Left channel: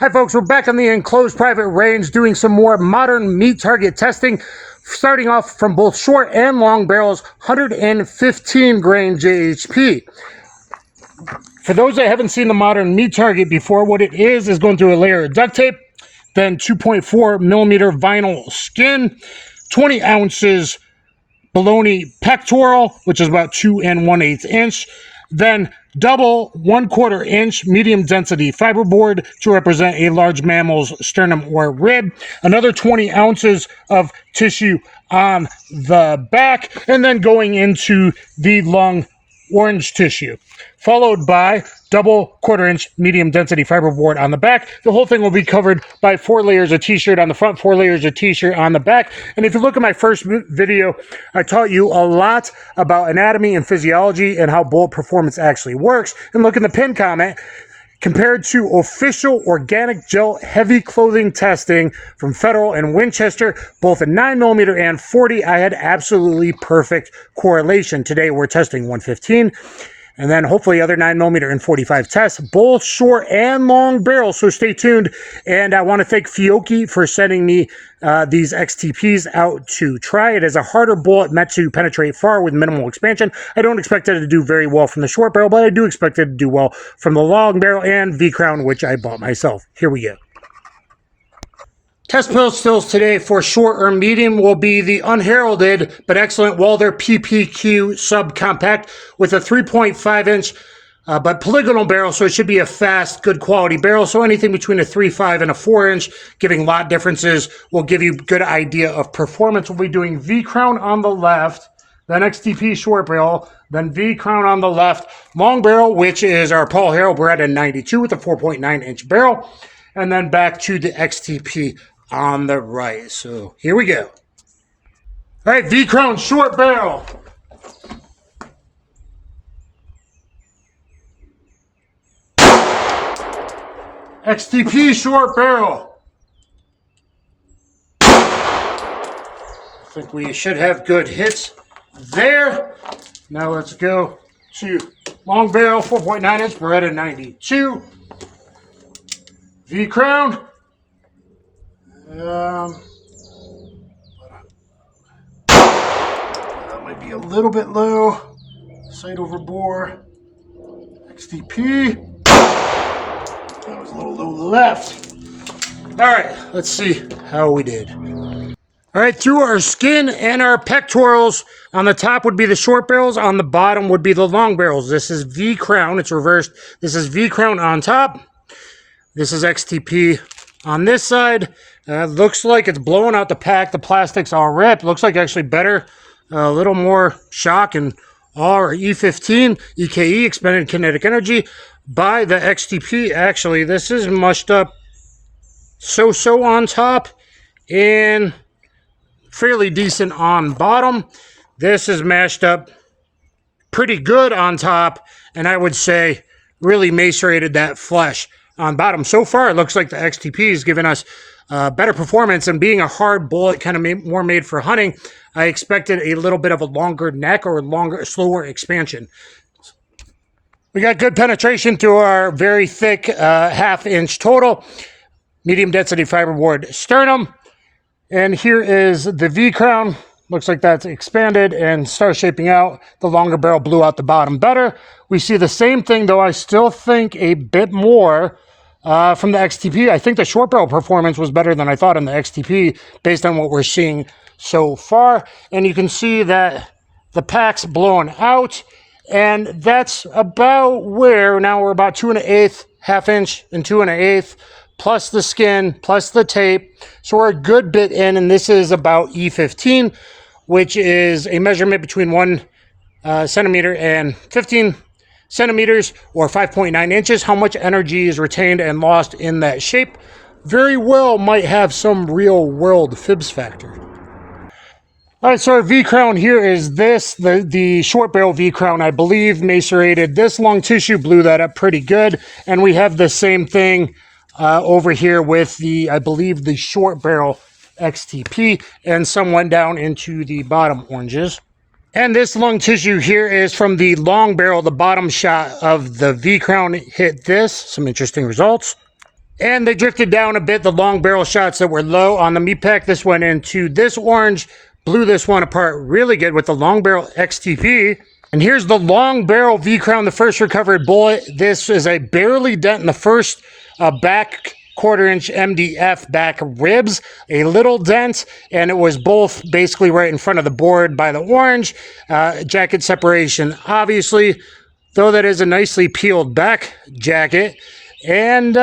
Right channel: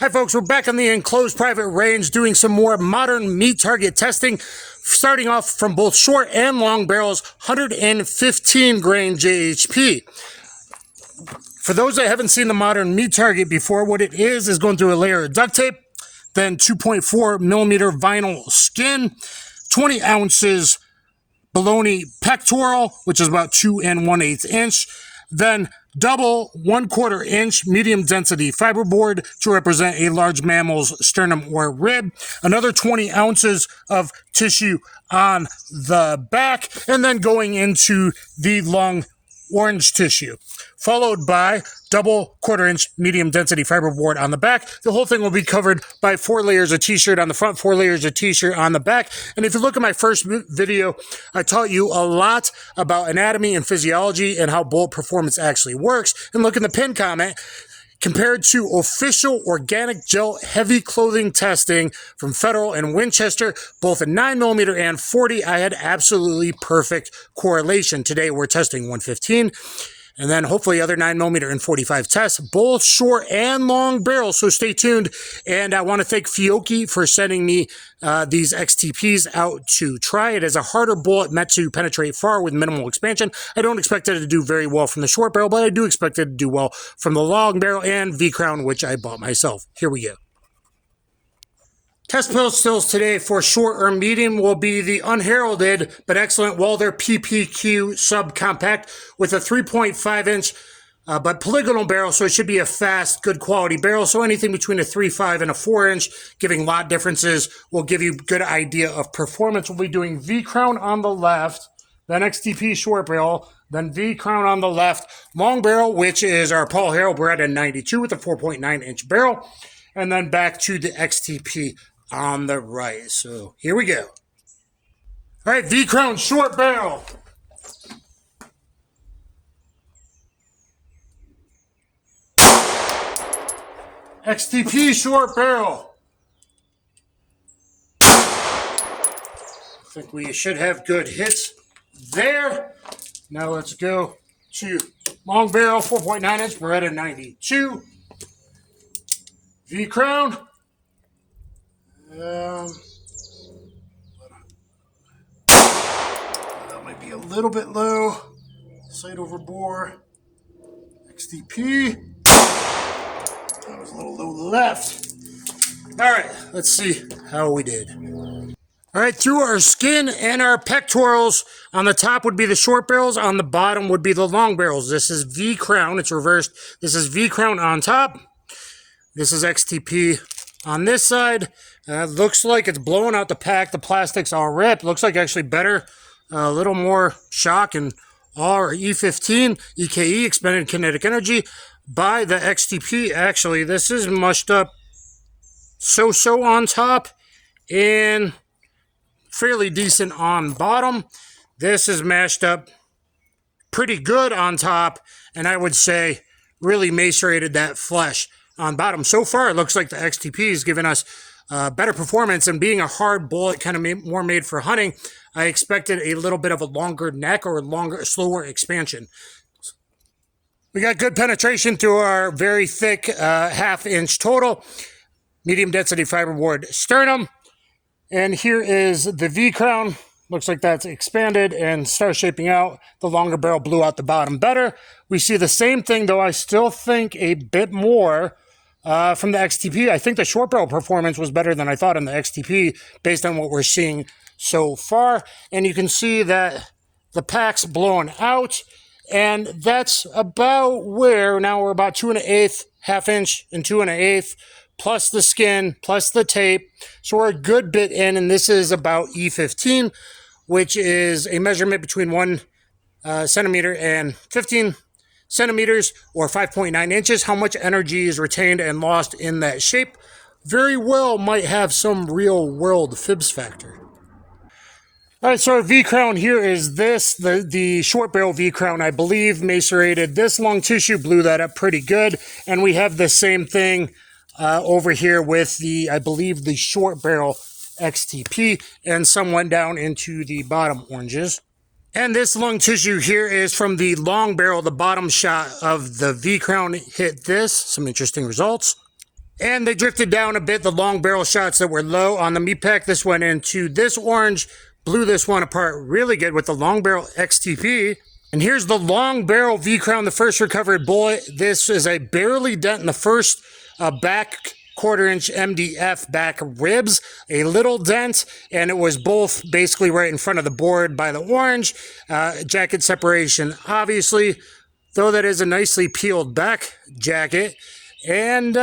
Hi folks, we're back on the enclosed private range doing some more modern meat target testing, starting off from both short and long barrels, 115 grain JHP. For those that haven't seen the modern meat target before, what it is going through a layer of duct tape, then 2.4 millimeter vinyl skin, 20 ounces bologna pectoral, which is about 2 1/8 inch, then double 1/4 inch medium density fiberboard to represent a large mammal's sternum or rib, another 20 ounces of tissue on the back, and then going into the lung orange tissue, followed by double 1/4 inch medium density fiberboard on the back. The whole thing will be covered by 4 layers of t-shirt on the front, 4 layers of t-shirt on the back. And if you look at my first video, I taught you a lot about anatomy and physiology and how bullet performance actually works. And look in the pinned comment, compared to official organic gel heavy clothing testing from Federal and Winchester, both in 9mm and 40, I had absolutely perfect correlation. Today we're testing 115. And then hopefully other 9mm and 45 tests, both short and long barrels. So stay tuned. And I want to thank FIOCCHI for sending me these XTPs out to try. It is a harder bullet meant to penetrate far with minimal expansion. I don't expect it to do very well from the short barrel, but I do expect it to do well from the long barrel and Vcrown, which I bought myself. Here we go. Test stills today for short or medium will be the unheralded but excellent Walther PPQ subcompact with a 3.5 inch but polygonal barrel, so it should be a fast, good quality barrel. So anything between a 3.5 and a 4 inch, giving lot differences, will give you a good idea of performance. We'll be doing Vcrown on the left, then XTP short barrel, then Vcrown on the left, long barrel, which is our Paul Harrell Beretta 92 with a 4.9 inch barrel, and then back to the XTP on the right. So here we go. All right, Vcrown short barrel. XTP short barrel. I think we should have good hits there. Now let's go to long barrel 4.9 inch Beretta 92. Vcrown. That might be a little bit low. Sight over bore. XTP. That was a little low left. All right, let's see how we did. All right, through our skin and our pectorals, on the top would be the short barrels, on the bottom would be the long barrels. This is Vcrown, it's reversed. This is Vcrown on top. This is XTP on this side. Looks like it's blowing out the pack. The plastic's all ripped. Looks like actually better, a little more shock and our E15 EKE, expended kinetic energy, by the XTP. Actually, this is mushed up so-so on top and fairly decent on bottom. This is mashed up pretty good on top, and I would say really macerated that flesh on bottom. So far, it looks like the XTP is giving us better performance, and being a hard bullet, kind of more made for hunting, I expected a little bit of a longer neck or longer, slower expansion. We got good penetration through our very thick 1/2 inch total, medium density fiberboard sternum. And here is the Vcrown. Looks like that's expanded and starts shaping out. The longer barrel blew out the bottom better. We see the same thing, though I still think a bit more from the XTP. I think the short barrel performance was better than I thought in the XTP based on what we're seeing so far. And you can see that the pack's blown out, and that's about where, now we're about 2 1/8, 1/2 inch and 2 1/8, plus the skin, plus the tape. So we're a good bit in, and this is about E15, which is a measurement between 1 centimeter and 15 centimeters, or 5.9 inches. How much energy is retained and lost in that shape very well might have some real world fibs factor. All right, so our Vcrown here is this, the short barrel Vcrown, I believe, macerated this lung tissue, blew that up pretty good. And we have the same thing over here with the, I believe, the short barrel XTP, and some went down into the bottom oranges. And this lung tissue here is from the long barrel. The bottom shot of the Vcrown hit this. Some interesting results. And they drifted down a bit, the long barrel shots that were low on the meat pack. This went into this orange, blew this one apart really good with the long barrel XTP. And here's the long barrel Vcrown, the first recovered bullet. This is a barely dent in the first back quarter-inch MDF back ribs, a little dent, and it was both basically right in front of the board by the orange. Jacket separation, obviously, though that is a nicely peeled back jacket. And,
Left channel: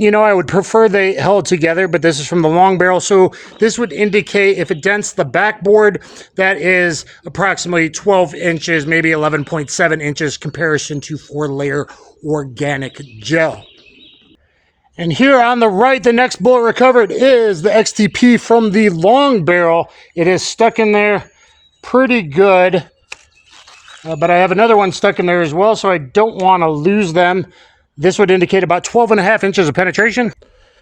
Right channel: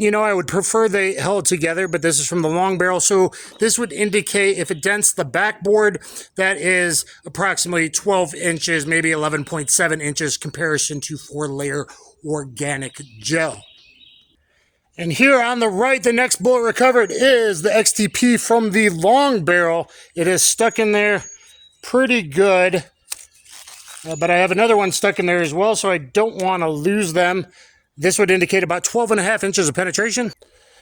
you know, I would prefer they held together, but this is from the long barrel. So this would indicate if it dents the backboard, that is approximately 12 inches, maybe 11.7 inches comparison to 4-layer organic gel. And here on the right, the next bullet recovered is the XTP from the long barrel. It is stuck in there pretty good, but I have another one stuck in there as well, so I don't want to lose them. This would indicate about 12.5 inches of penetration.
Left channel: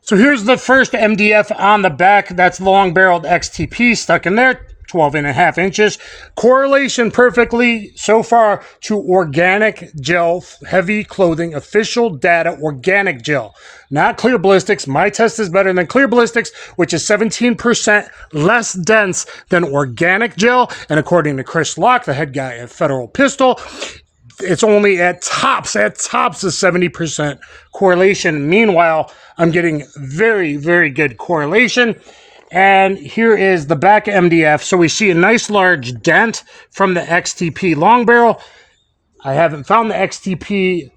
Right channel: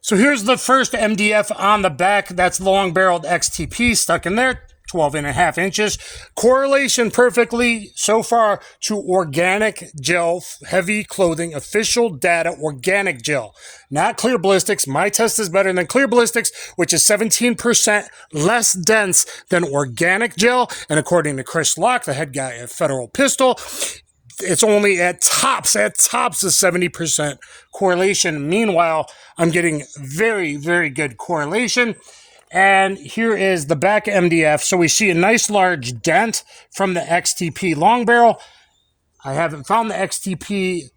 So here's the first MDF on the back. That's the long-barreled XTP stuck in there, 12.5 inches. Correlation perfectly so far to organic gel, heavy clothing, official data, organic gel. Not clear ballistics. My test is better than clear ballistics, which is 17% less dense than organic gel. And according to Chris Locke, the head guy at Federal Pistol, it's only at tops is 70% correlation. Meanwhile, I'm getting very, very good correlation. And here is the back MDF. So we see a nice large dent from the XTP long barrel. I haven't found the XTP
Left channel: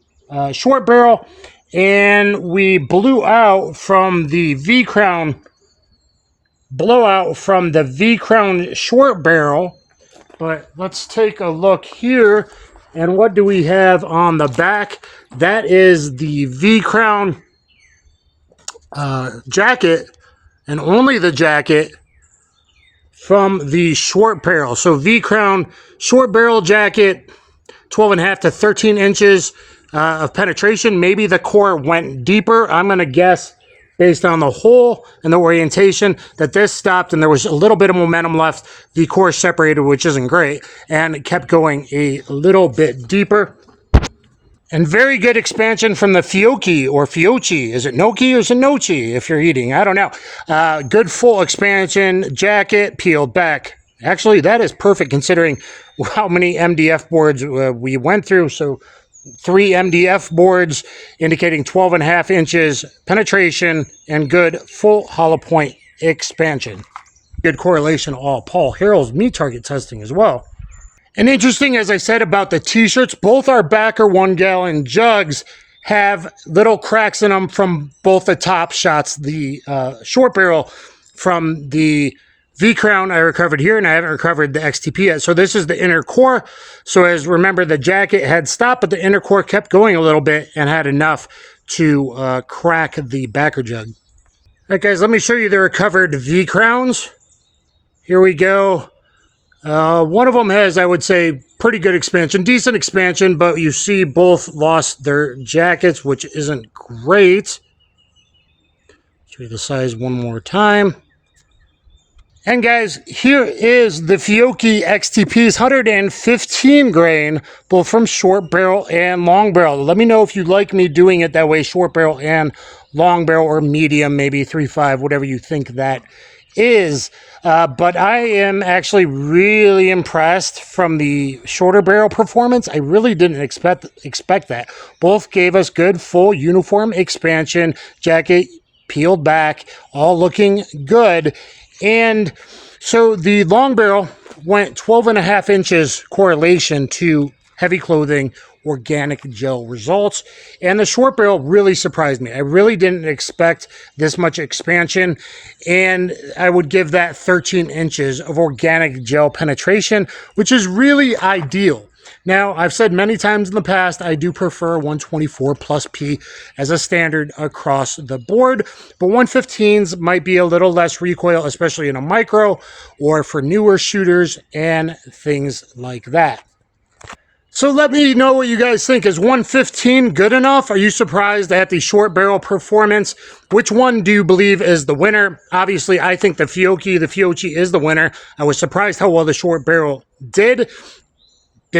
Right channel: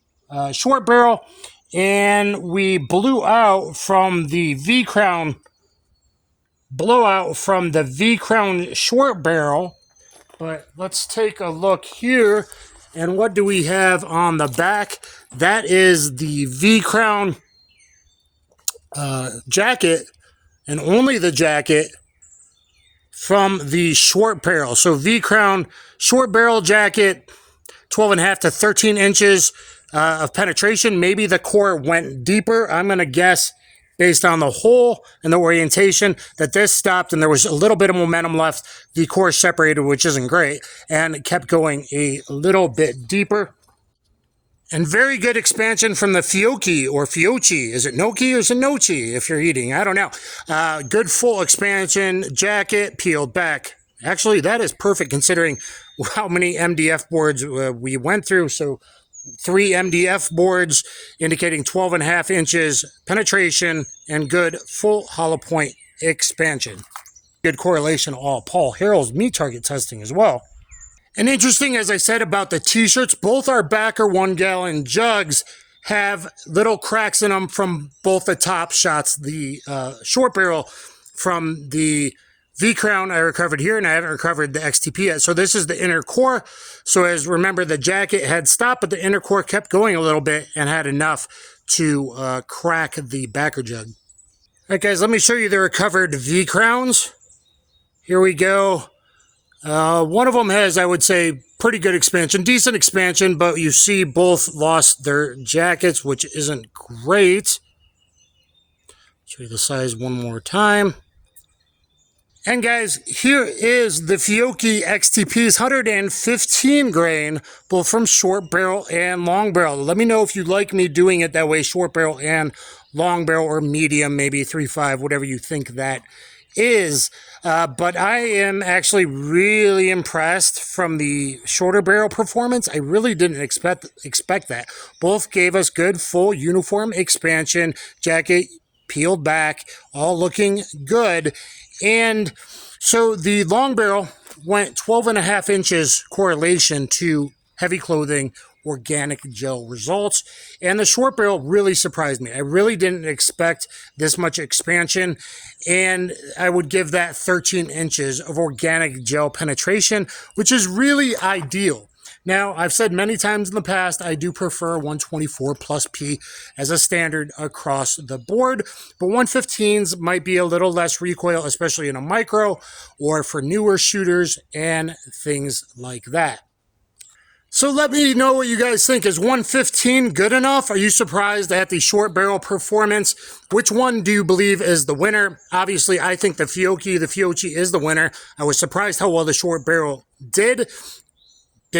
short barrel. And we blew out from the Vcrown, short barrel. But let's take a look here. And what do we have on the back? That is the Vcrown jacket, and only the jacket from the short barrel. So Vcrown short barrel jacket, 12.5 to 13 inches of penetration. Maybe the core went deeper. I'm going to guess, based on the hole and the orientation, that this stopped and there was a little bit of momentum left. The core separated, which isn't great, and it kept going a little bit deeper. And very good expansion from the FIOCCHI or FIOCCHI. Is it Noki or is it Nochi if you're eating? I don't know. Good full expansion, jacket, peeled back. Actually, that is perfect considering how many MDF boards we went through. So 3 MDF boards indicating 12.5 inches penetration and good full hollow point expansion. Good correlation all Paul Harrell's meat target testing as well. And interesting, as I said about the t-shirts, both our backer 1-gallon jugs have little cracks in them from both the top shots. The short barrel from the Vcrown I recovered here, and I haven't recovered the XTP yet. So this is the inner core. So as remember, the jacket had stopped, but the inner core kept going a little bit and had enough to crack the backer jug. All right, guys, let me show you the recovered Vcrowns. Here we go. One of them has, I would say, pretty good expansion, decent expansion, but you see both lost their jackets, which isn't great. Show you the size one more time. And guys, here is the FIOCCHI XTP's 115 grain, both from short barrel and long barrel. Let me know if you like me doing it that way, short barrel and long barrel, or medium, maybe 3.5, whatever you think that is. But I am actually really impressed from the shorter barrel performance. I really didn't expect that. Both gave us good full uniform expansion, jacket peeled back, all looking good. And so the long barrel went 12.5 inches correlation to heavy clothing, organic gel results. And the short barrel really surprised me. I really didn't expect this much expansion. And I would give that 13 inches of organic gel penetration, which is really ideal. Now, I've said many times in the past, I do prefer 124 plus P as a standard across the board, but 115s might be a little less recoil, especially in a micro or for newer shooters and things like that. So let me know what you guys think. Is 115 good enough? Are you surprised at the short barrel performance? Which one do you believe is the winner? Obviously, I think the FIOCCHI is the winner. I was surprised how well the short barrel did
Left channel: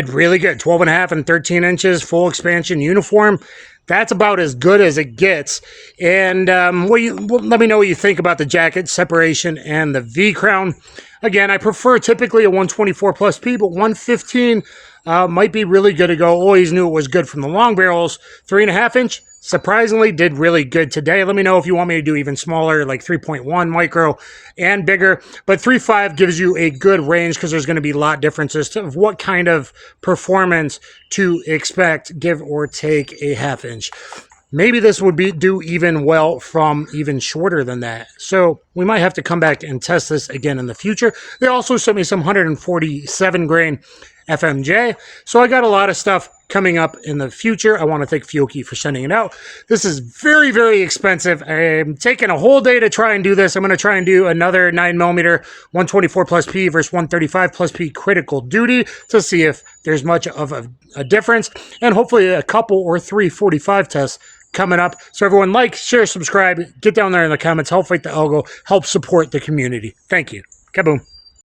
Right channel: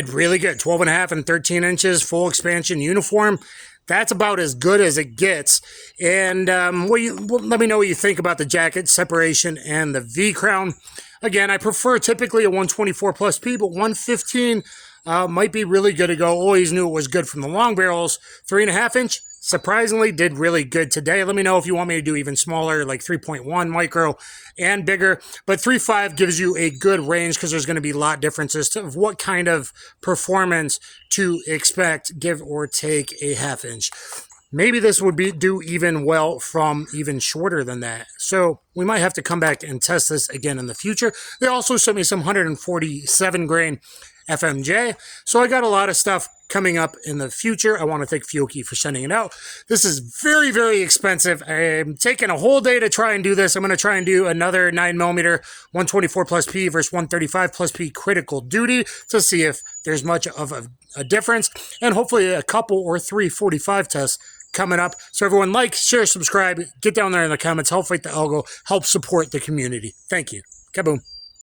really good. 12.5 and 13 inches, full expansion uniform. That's about as good as it gets. And let me know what you think about the jacket separation and the Vcrown. Again, I prefer typically a 124 plus P, but 115 might be really good to go. Always knew it was good from the long barrels. 3.5 inch, surprisingly, did really good today. Let me know if you want me to do even smaller, like 3.1 micro and bigger. But 3.5 gives you a good range because there's going to be a lot of differences of what kind of performance to expect, give or take a half inch. Maybe this would do even well from even shorter than that. So we might have to come back and test this again in the future. They also sent me some 147 grain FMJ. So I got a lot of stuff coming up in the future. I want to thank FIOCCHI for sending it out. This is very, very expensive. I'm taking a whole day to try and do this. I'm going to try and do another 9mm 124 plus P versus 135 plus P critical duty to see if there's much of a difference. And hopefully a couple or 345 tests coming up. So everyone like, share, subscribe, get down there in the comments, help fight the algo, help support the community. Thank you. Kaboom.